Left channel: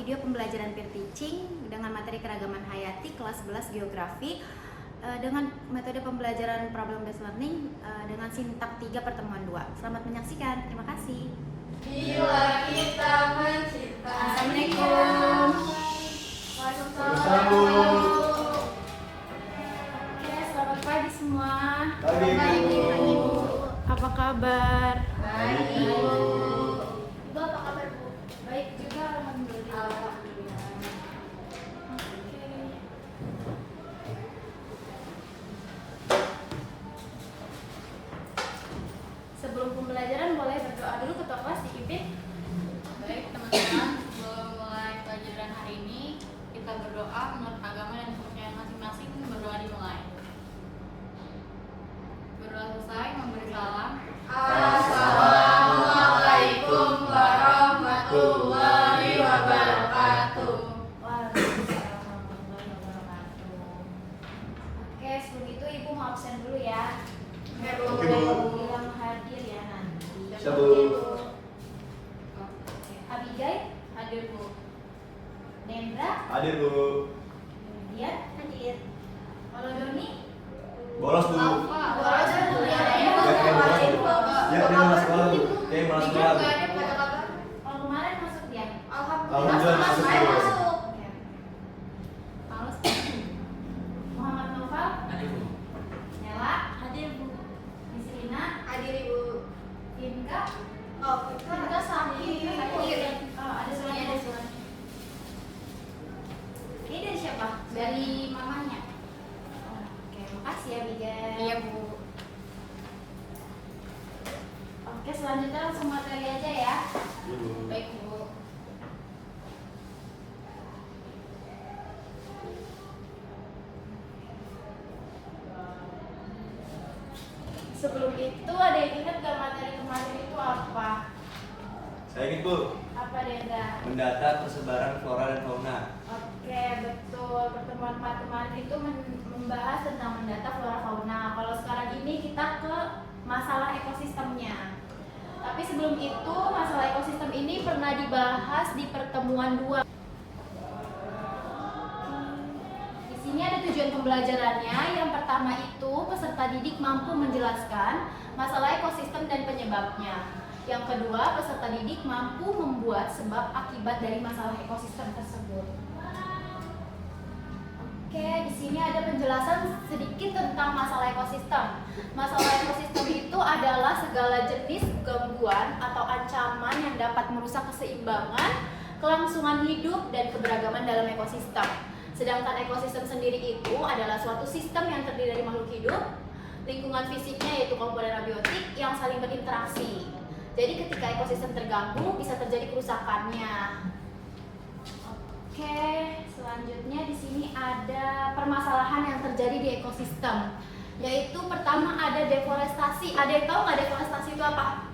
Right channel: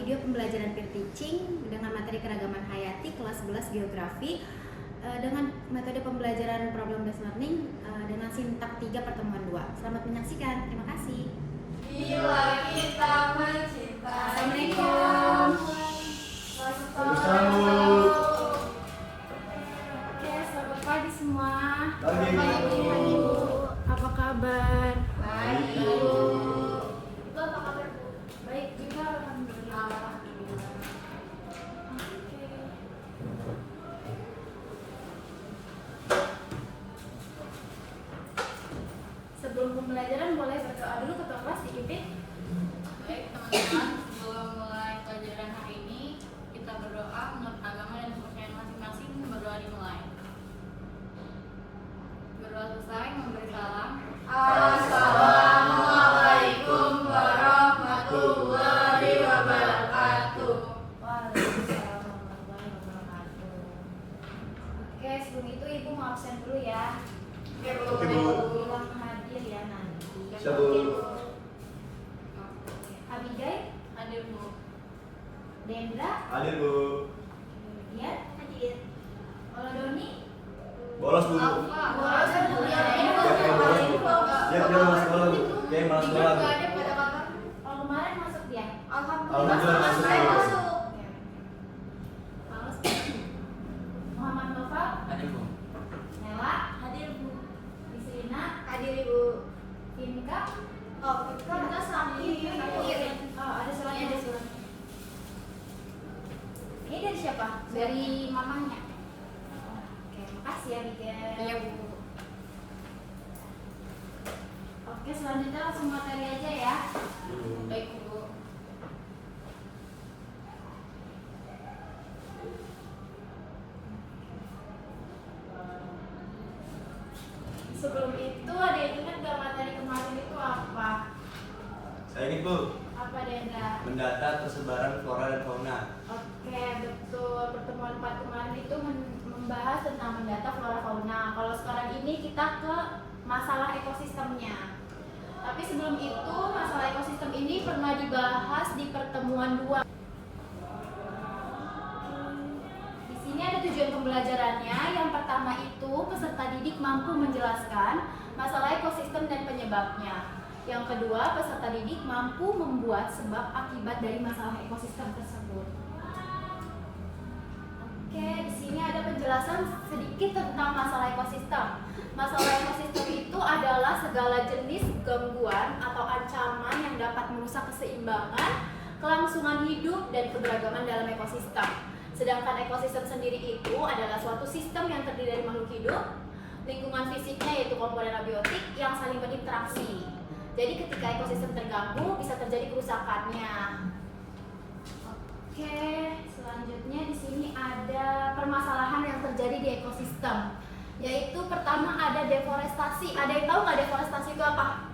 video pembelajaran peer teaching dengan materi keragaman hayati kelas 11 geografi dengan metode pembelajaran problem based learning dengan sintak 3 pertemuan 2. Selamat menyaksikan. Terima kasih. Bila kita mencinta. Assalamualaikum. Waalaikumsalam. Oke, selamat pagi semua. Pagi, Bu. Apa kabar? Baik, Bu. Ibu apa kabar, Bu? Baik juga, alhamdulillah. Sebelum pembelajaran boleh berdoa dulu, ketua kelas dipimpin. Baik teman-teman, sebelum mulai pelajaran hari ini kita berdoa menurut agama dan kepercayaan masing-masing. Berdoa dimulai. Berdoa selesai, memberi salam. Assalamualaikum warahmatullahi wabarakatuh. Waalaikumsalam warahmatullahi wabarakatuh. Oke, sebelum itu Ibu mau absen dulu ya. Oke, Bu. Bilang hadir ya nanti. Siap, Bu. Oke, Abigail, Hadir Bu. Dendra, Hadir, Bu. Dian, hadir. Kalau Doni, Bolos, Bu. bolos Bu ya. Ya, bolos, Bu. Ya, dia masuk sekolah, Bu. Dia masuk sekolah, Bu. Oh, kemarin masuk dia. Alhamdulillah masuk, Bu. Oke. Males. Muhammad Noval, Hadir Bu. Nela, hadir Bu. Nisrina, Hadir, Ibu. Timka, Kita oh ada suratnya. Ini dari siapa? Dari mamanya. Oke, makasih ya Abigail. Iya Bu. Oke, selanjutnya langsung materi aja ya. Baik Bu. Sebelum itu ada yang ingat gak materi kemarin itu apa? Saya ingin, Bu. Apa Denda? Mendata persebaran flora dan fauna. Oke, betul. Pertemuan kemarin itu membahas tentang mendata flora fauna. Kalau sekarang ini kita ke masalah ekosistemnya. Tapi sebelum itu, masalah ekosistem ini pernah dibahas di pertemuan 2. Di sini ada tujuan pembelajarannya. Yang pertama itu, peserta didik mampu menjelaskan masalah ekosistem dan penyebabnya. Yang kedua, peserta didik mampu membuat sebab akibat dari masalah ekosistem tersebut. Oke, di sini ada penjelasan sedikit tentang masalah ekosistem. Masalah ekosistem itu adalah segala jenis gangguan atau ancaman yang dapat merusak keseimbangan, kelangsungan hidup, dan keberagaman dalam ekosistem. Sedangkan ekosistem sendiri itu adalah suatu sistem yang terdiri dari makhluk hidup, lingkungan fisiknya yaitu komponen abiotik yang saling berinteraksi. Jadi ketika ekosistem terganggu bisa terjadi kerusakannya. Oke, selanjutnya di sini ada permasalahan yang terjadi di ekosistem. Yaitu pertama ada deforestasi. Ada yang tahu nggak deforestasi itu apa?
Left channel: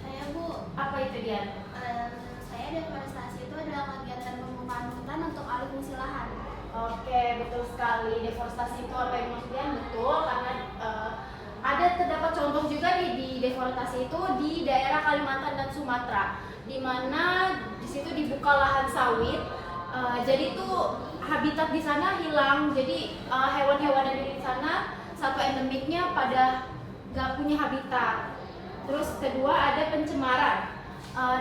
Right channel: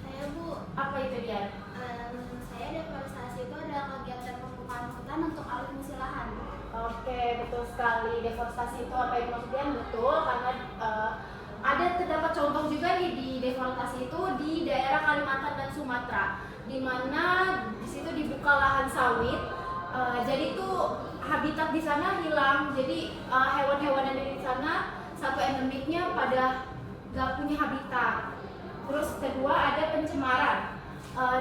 Saya Bu, Apa itu dia? menurut saya deforestasi itu adalah kegiatan pembukaan hutan untuk alih fungsi lahan. Oke, betul sekali. Deforestasi itu apa yang maksudnya? Betul, karena ada terdapat contoh juga nih di deforestasi itu di daerah Kalimantan dan Sumatera, di mana di situ dibuka lahan sawit. Jadi itu habitat di sana hilang. Jadi hewan-hewan yang ada di sana satu endemiknya pada nggak punya habitat. Terus kedua ada pencemaran.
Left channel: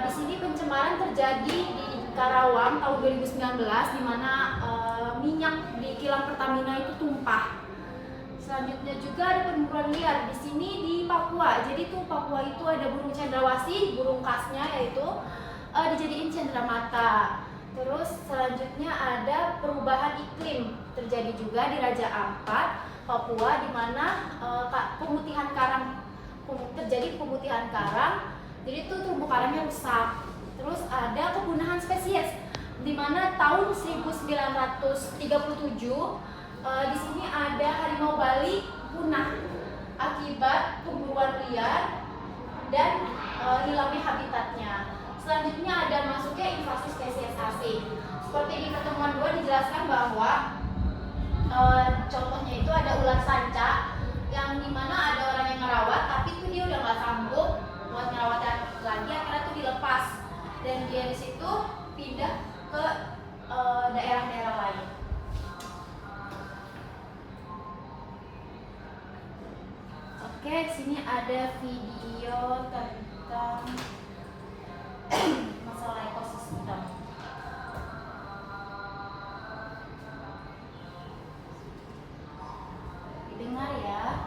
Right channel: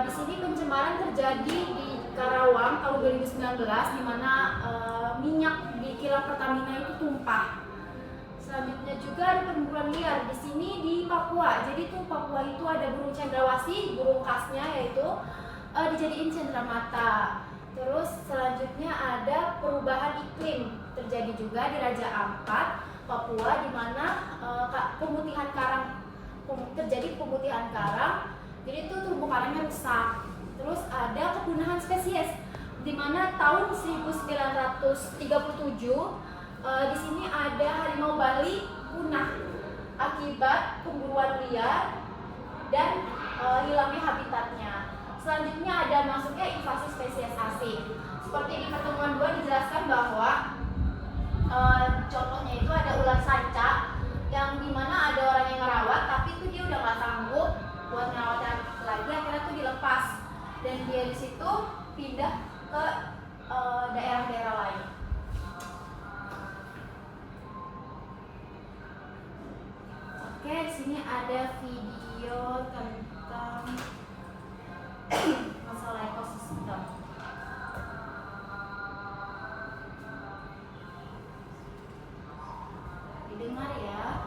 Di sini pencemaran terjadi di Karawang tahun 2019 di mana minyak di kilang Pertamina itu tumpah. Selanjutnya juga ada perburuan liar di sini di Papua. Jadi tuh Papua itu ada burung cendrawasih, burung khasnya yaitu dijadiin cendramata. Terus selanjutnya ada perubahan iklim terjadi juga di Raja Ampat, Papua, di mana pemutihan karang terjadi pemutihan karang. Jadi itu terumbu karangnya rusak. Terus ada kepunahan spesies di mana tahun 1937 di sini ada harimau Bali punah akibat pemburuan liar dan hilangnya habitatnya. Selanjutnya ada masuknya invasi spesies asing. Seperti di pertemuan 2 dijelaskan bahwa contohnya itu ada ular sanca yang dimana ada orang yang ngerawat tapi itu dia udah nggak sanggup buat ngerawat lagi, akhirnya tuh dilepas dan dia di situ pindah ke Oke, di sini ada video tentang masalah ekosistem. Didengar ya.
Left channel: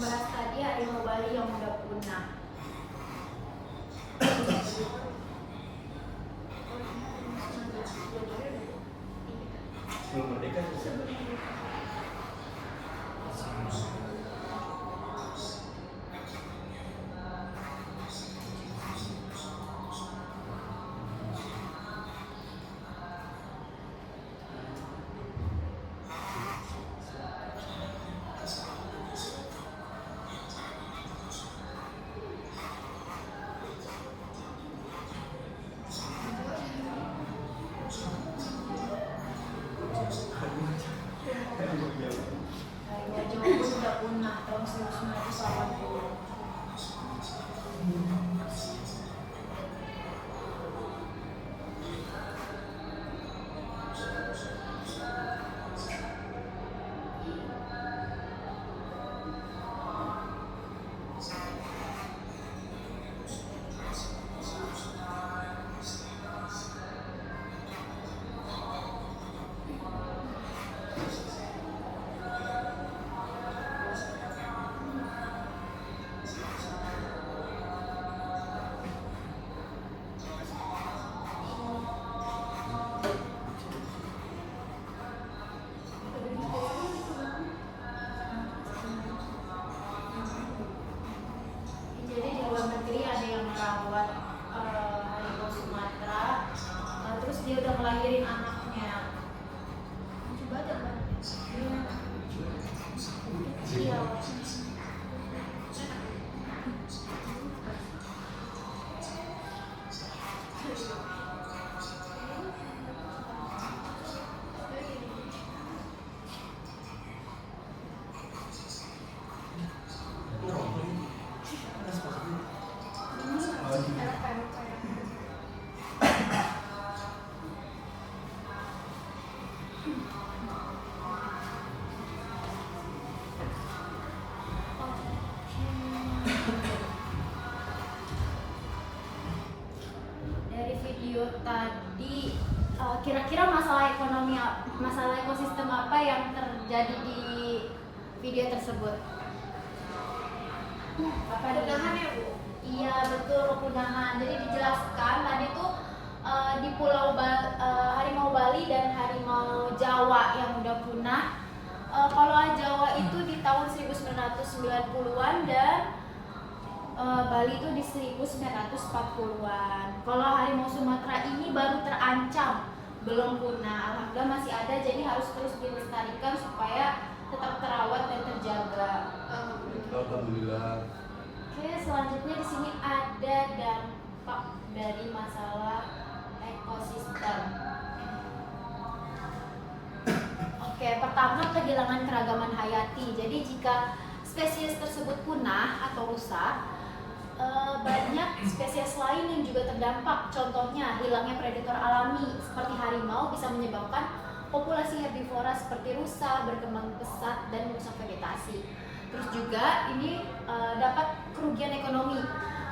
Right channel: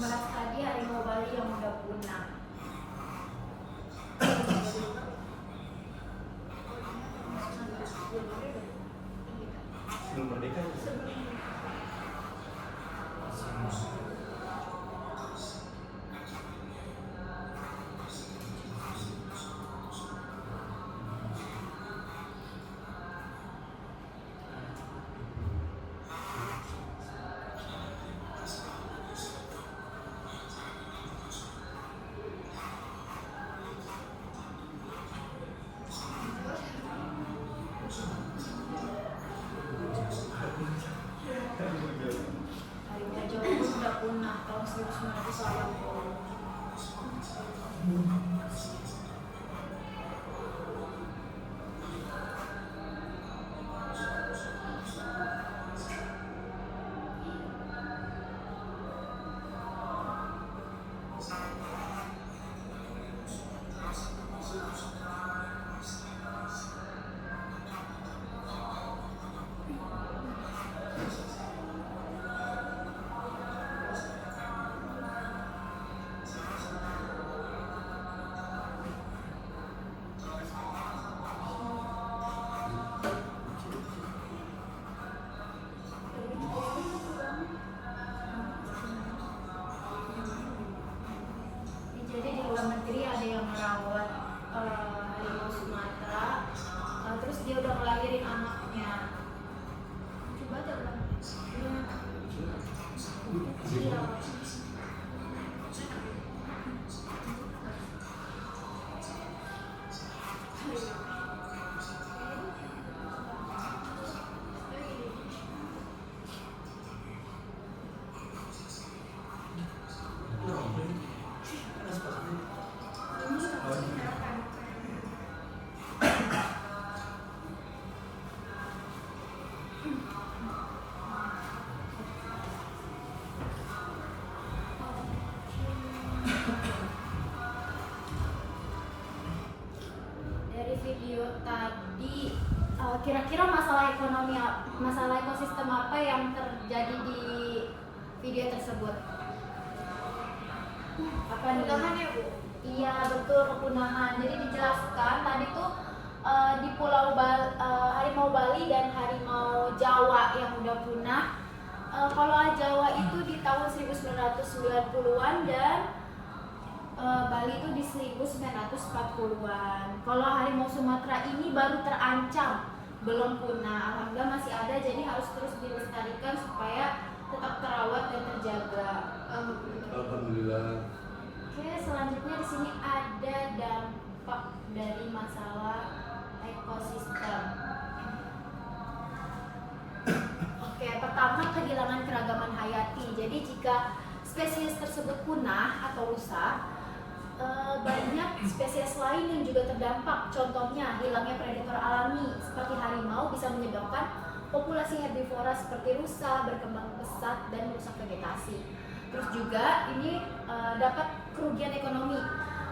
Bahas tadi harimau Bali yang udah punah. Sebelum merdeka Ya, Jawa udah punah tahun 1980. Jadi di luar negeri ada yang merawat harimau Sumatera, terus dia udah ngelahirin anaknya. Coba ada kan? Iya. Dari video tadi, kira-kira masalah ekonomi, masalah ekosistem apa yang terjadi di video tersebut? Apa Kepunahan nih? ya, Bu? Iya betul, kepunahan. Jadi dijelaskan tadi tuh di harimau Bali dan harimau Jawa yang udah punah. Kalau Jawa itu di tahun 1990-an dan Bali itu di 1940-an. Kalau harimau Sumatera ini baru terancam belum punah. Alhamdulillah masih ada, jadi harus terus dilestarikan supaya tetap terawat dan terjaga. Alhamdulillah. Oke, selanjutnya di sini ada dampak dari masalah ekosistem. Oke, pertama kehilangan keragaman hayati. Jadi jika spesies tersebut punah atau rusak, banyak spesies lain yang juga terdampak. Contohnya hilangnya predator alami seperti harimau bisa menyebabkan populasi herbivora seperti rusa berkembang pesat dan merusak vegetasi. Terus juga ini dapat kerugian ekonomi.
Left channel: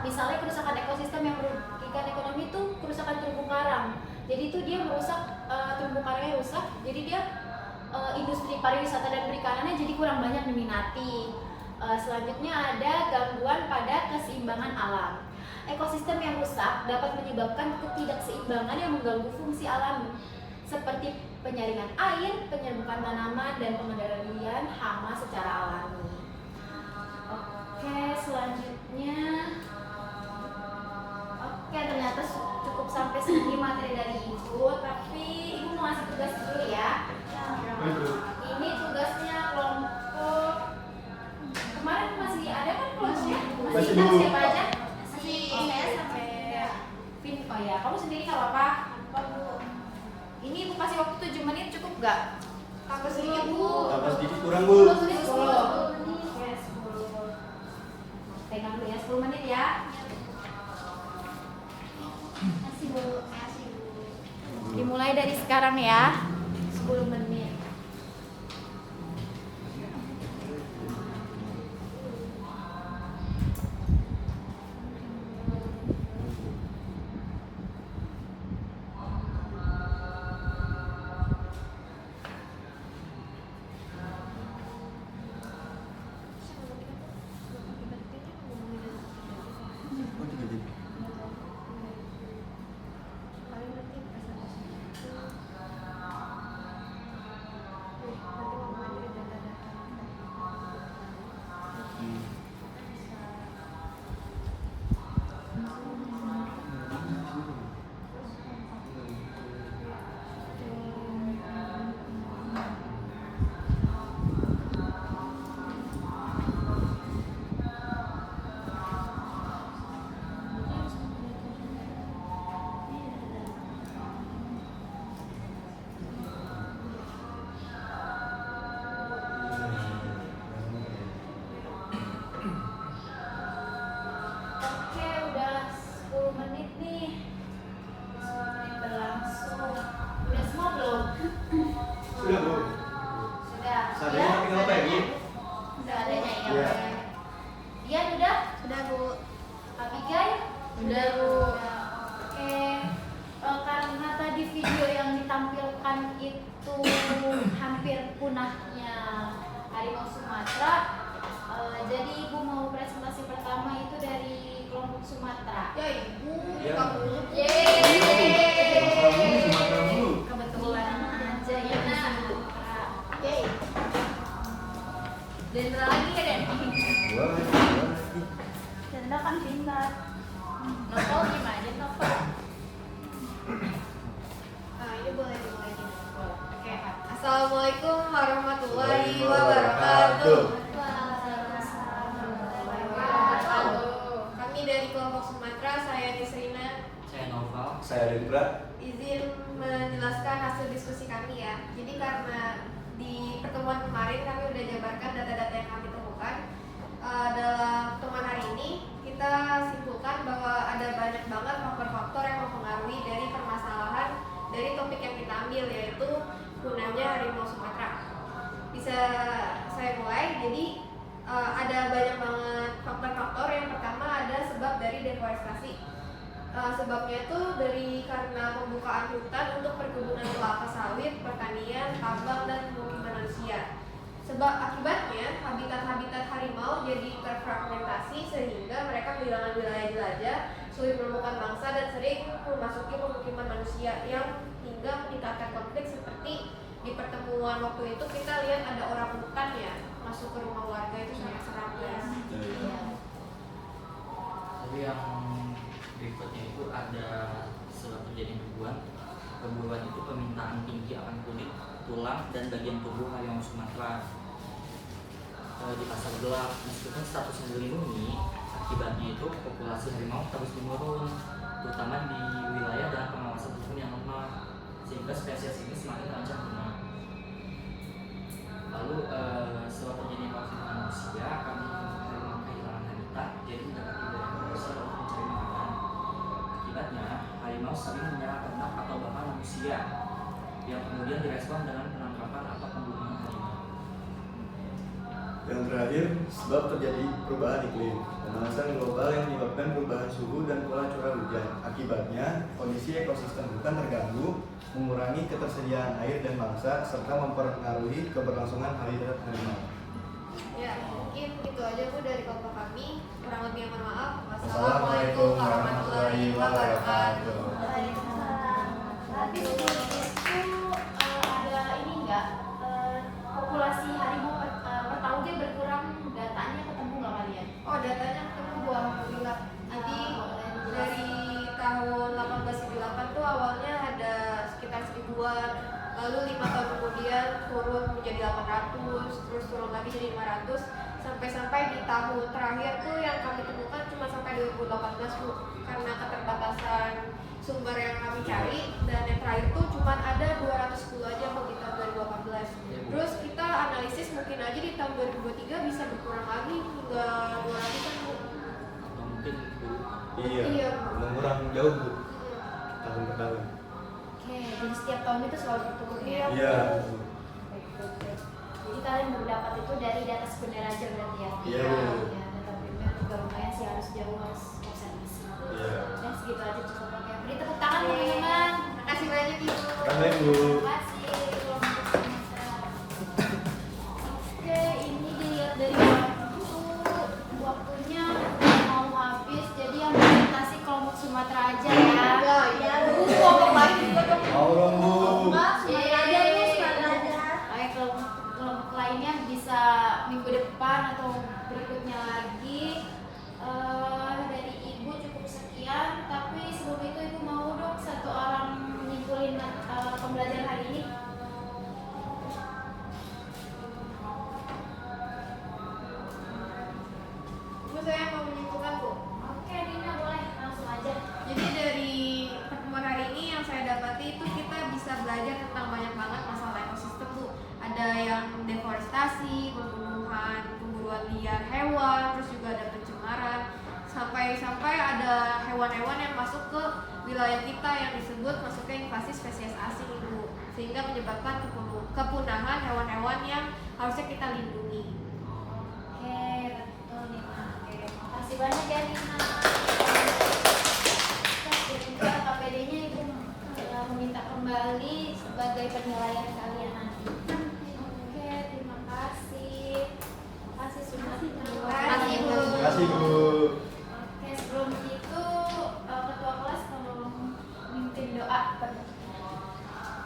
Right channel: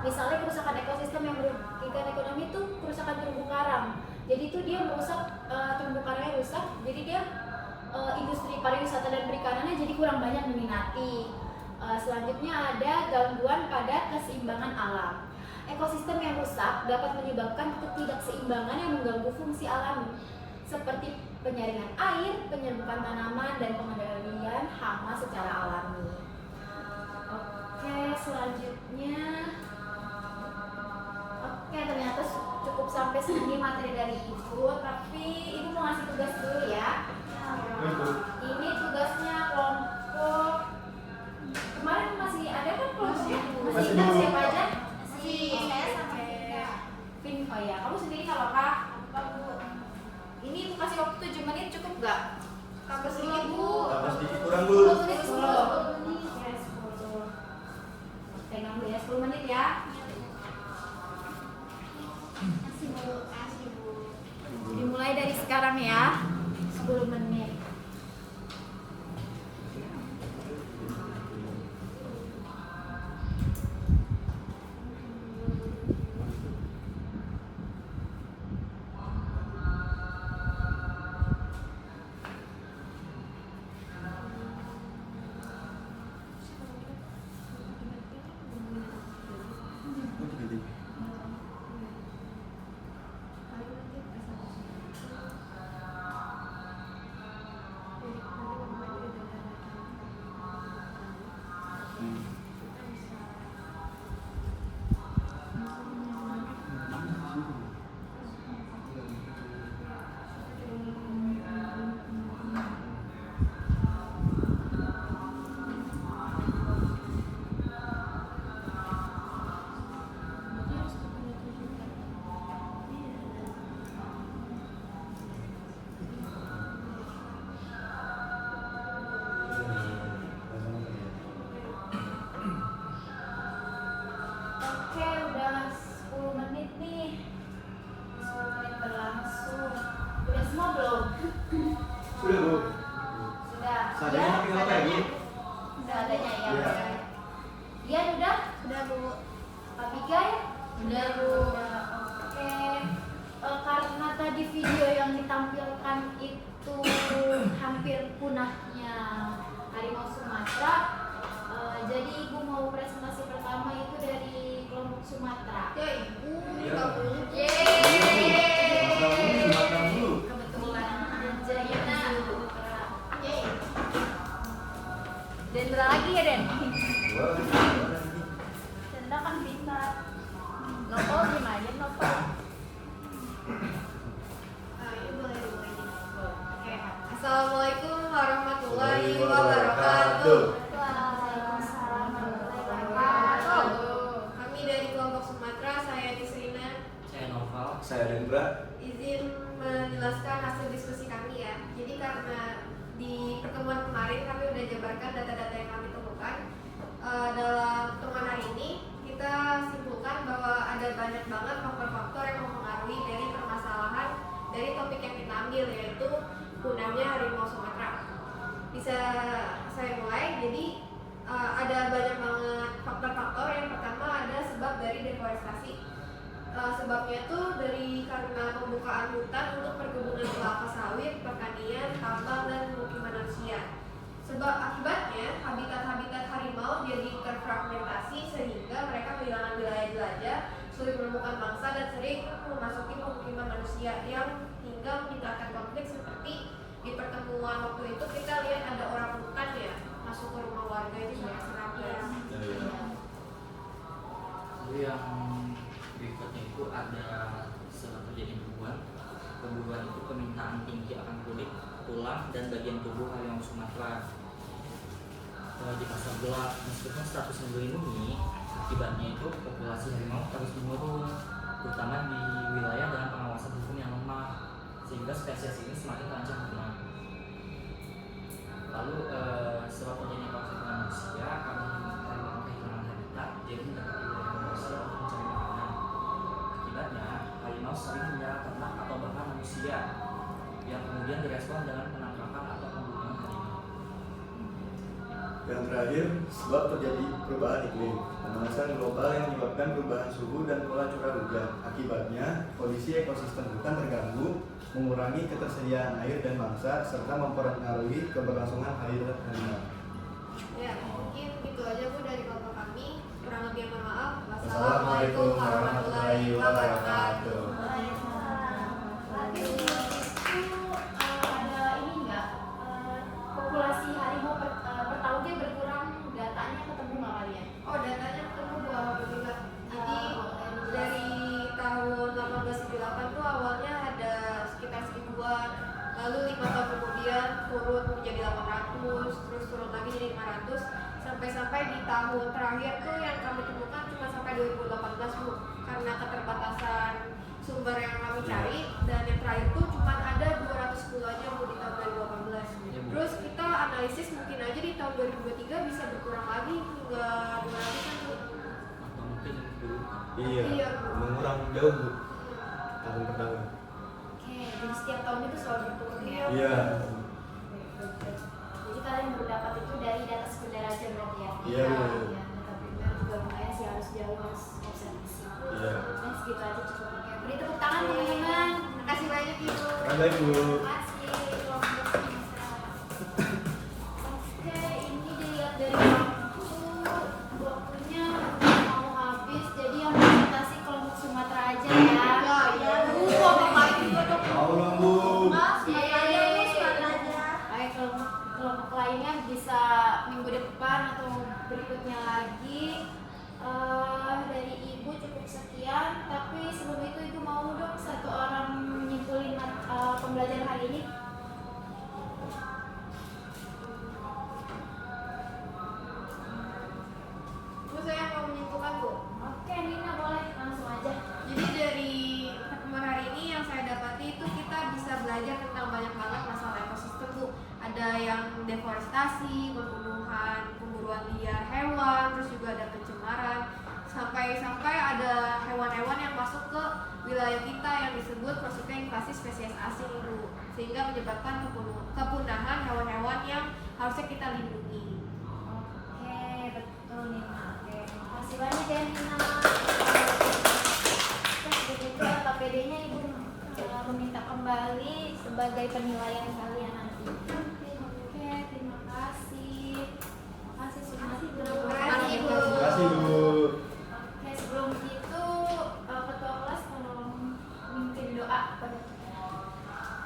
Misalnya kerusakan ekosistem yang merugikan ekonomi itu kerusakan terumbu karang. Jadi itu dia merusak terumbu karangnya rusak. Jadi dia industri pariwisata dan perikanannya jadi kurang banyak diminati. Selanjutnya ada gangguan pada keseimbangan alam. Ekosistem yang rusak dapat menyebabkan ketidakseimbangan yang mengganggu fungsi alami seperti penyaringan air, penyerbukan tanaman, dan pengendalian hama secara alami. Oke, selanjutnya ternyata cukup sampai sini materi dari Ibu, tapi Ibu mau ngasih tugas dulu ya. Ini tugasnya kelompok kemarin masih ada kan kelompoknya? Masih ingat siapa aja? Saya sampai Vin, oh ya, kamu sendiri nggak apa-apa? Ini Ibu kasih waktu 7 menit cukup nggak? kampus dulu Bu. Tambah sedikit kurang, Bu. 10 menit. 10. Pegang dulu ya, 10 menit ya. Kasih Bu. Dimulai dari sekarang ya. 10 menit. Oke, udah 10 menit nih. 10 menit berlangsung. Udah semua belum? Sudah, Bu. Sudah. Seadanya tapi nggak apa ya, Bu? Seadanya ya. Iya. Ian udah? Udah Bu. Abigail? Udah, Bu. Oke. Karena tadi video yang ditampilkan itu hampir punahnya harimau Sumatera, jadi Ibu mau presentasi pertama itu dari kelompok Sumatera. Ya Ibu. Ya. Yeay. Sumatera dulu. Kebetulan aja ya di Sumatera. Yeay. Dendra lagi ya, Den? Boleh. Dendra kan pintar. Nopo gimana, Nopo? Iya boleh dimulai nih. Oke. Assalamualaikum warahmatullahi wabarakatuh. Kami dari kelompok Sumatera, saya Nisrina, Saya Noval. Saya Dendra. izin menjelaskan hasil diskusi kami ya. Jadi karena di pertemuan kemarin kami udah jabarkan data-data yang kami temukan. Dalam pertemuan hari ini kita simpulkan bahwa ada banyak banget faktor-faktor yang mempengaruhi dari permasalahan dari topik yang kita ambil, yaitu punahnya harimau Sumatera. Bisa saya mulai. Jadi ada banyak banget faktor-faktor. Yang pertama ada sebab dari deforestasi. Sebabnya itu karena pembukaan hutan untuk perkebunan kelapa sawit, pertanian, tambang, dan pemukiman manusia. Sebab akibatnya habitat-habitat harimau jadi terfragmentasi sehingga mereka kehilangan wilayah jelajah, sulit menemukan bangsa, dan sering memasuki pemukiman manusia yang hingga meningkatkan konflik. Seperti di pertemuan waktu itu kita lihat ada orang hutan ya masuk ke rumah warga, itu sangat seram guys. Lalu yang berikutnya itu ada suatu kejadian kedua. perburuan itu permintaan tinggi akan kulit, tulang, dan bagian tubuh harimau Sumatera di pasar gelap. Meskipun statusnya dilindungi, akibatnya itu populasi harimau terus menurun, terutama di wilayah dengan pengawasan hukum yang lemah, sehingga spesies ini semakin terancam punah. Lalu setelah terjadinya konflik manusia, harimau kehilangan habitat, jadi mendapati wilayah yang besar untuk mencari makanan. Akibatnya, harimau sering menyerang ternak atau bahkan manusia, yang kemudian direspon dengan penangkapan atau pembunuhan harimau. Yang terakhir, sebab terjadi perubahan iklim. Pemanasan global yang menyebabkan perubahan suhu dan pola curah hujan. Akibatnya, kondisi ekosistem hutan terganggu, mengurangi ketersediaan air dan mangsa, serta mempengaruhi keberlangsungan habitat harimau. Ya, mungkin itu aja Bu dari kelompok kami. Kurang lebih mohon maaf. Wassalamualaikum warahmatullahi wabarakatuh. Tapi di itu ada ini enggak populasi harimau per tahunnya berkurang, datanya ketemu nggak kalian? Oh, datanya ketemu Bu, alhamdulillah. Jadi dari tahun 1878 tuh awalnya ada sekitar 1000-an, lalu 5 tahun kemudian turun menjadi 800, terus turun lagi jadi 500, sampai di tahun terakhir tuh yang kami temukan cuma sampai 2018 Bu, karena keterbatasan sumber yang kami cari, dan yang terakhir tuh cuma ada 210 aja Bu di tahun 2018. Terus kita analisis mungkin aja di tahun 2023 bisa berkurang lagi hingga 200 kan Bu. Atau mungkin dulu Iya, mengurang jauh Bu, tahun per tahun. Oke, jadi setiap tahun itu selalu berturun ya? Iya. Baik. Jadi kalian berdapat itu dari data sebenarnya aja berarti ya? Iya. Ya, data primer juga lumayan sih, harus jauh, harus observasi. Iya. Dan segitu aja cukup. Oke, beri tepuk tangan teman-teman. Makasih banyak Ibu. Baik Bu. Terima kasih. Oke, ini dilihat dari waktunya mau habis, jadi yang presentasi kelompok Sumatera aja ya. Iya. Kelompok lain juga dong. Mau dong Bu. Ayo kelompok lainnya bisa minggu depan atau berikutnya lagi. Dari Ibu cukup sekian, tapi sebelum itu Ibu mau dong satu orang nyimpulin pembelajaran hari ini. Terus saya mau menyimpulkan Bu. Oke, Dina boleh langsung aja. Jadi dari pertemuan hari ini yang saya dapati itu kita bisa belajar tentang banyak banget masalah ekosistem Bu. Ada yang deforestasi, pemburuan liar hewan, terus juga ada pencemaran, sampai ada hewan-hewan yang masuk ke wilayah kita yang disebut masuknya invasi spesies asing Bu, sehingga menyebabkan kepunahan hewan-hewan yang harusnya kita lindungi. Oke, betul Nina. Oke, makasih banyak ya Nina. Terus juga KPD-nya Ibu meminta kembali sebagai penilaian kalian nanti. Oke, terima kasih. Makasih Sumatera. Terima kasih, Bu. Terima kasih Bu. Oke, sebelum itu ketua kelas tolong memimpin doa.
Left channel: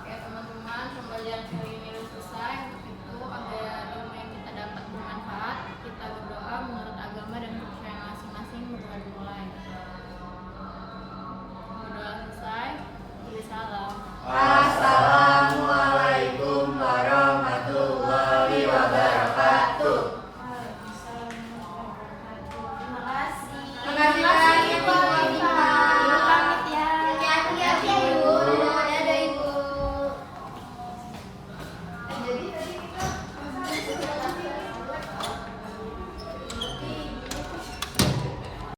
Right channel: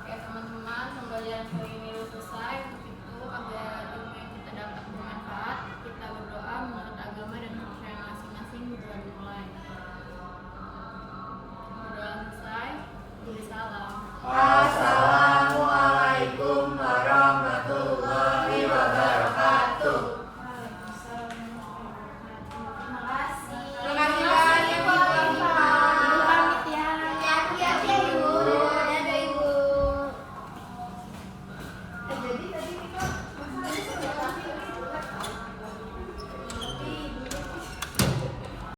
Ya teman-teman, pembelajaran kali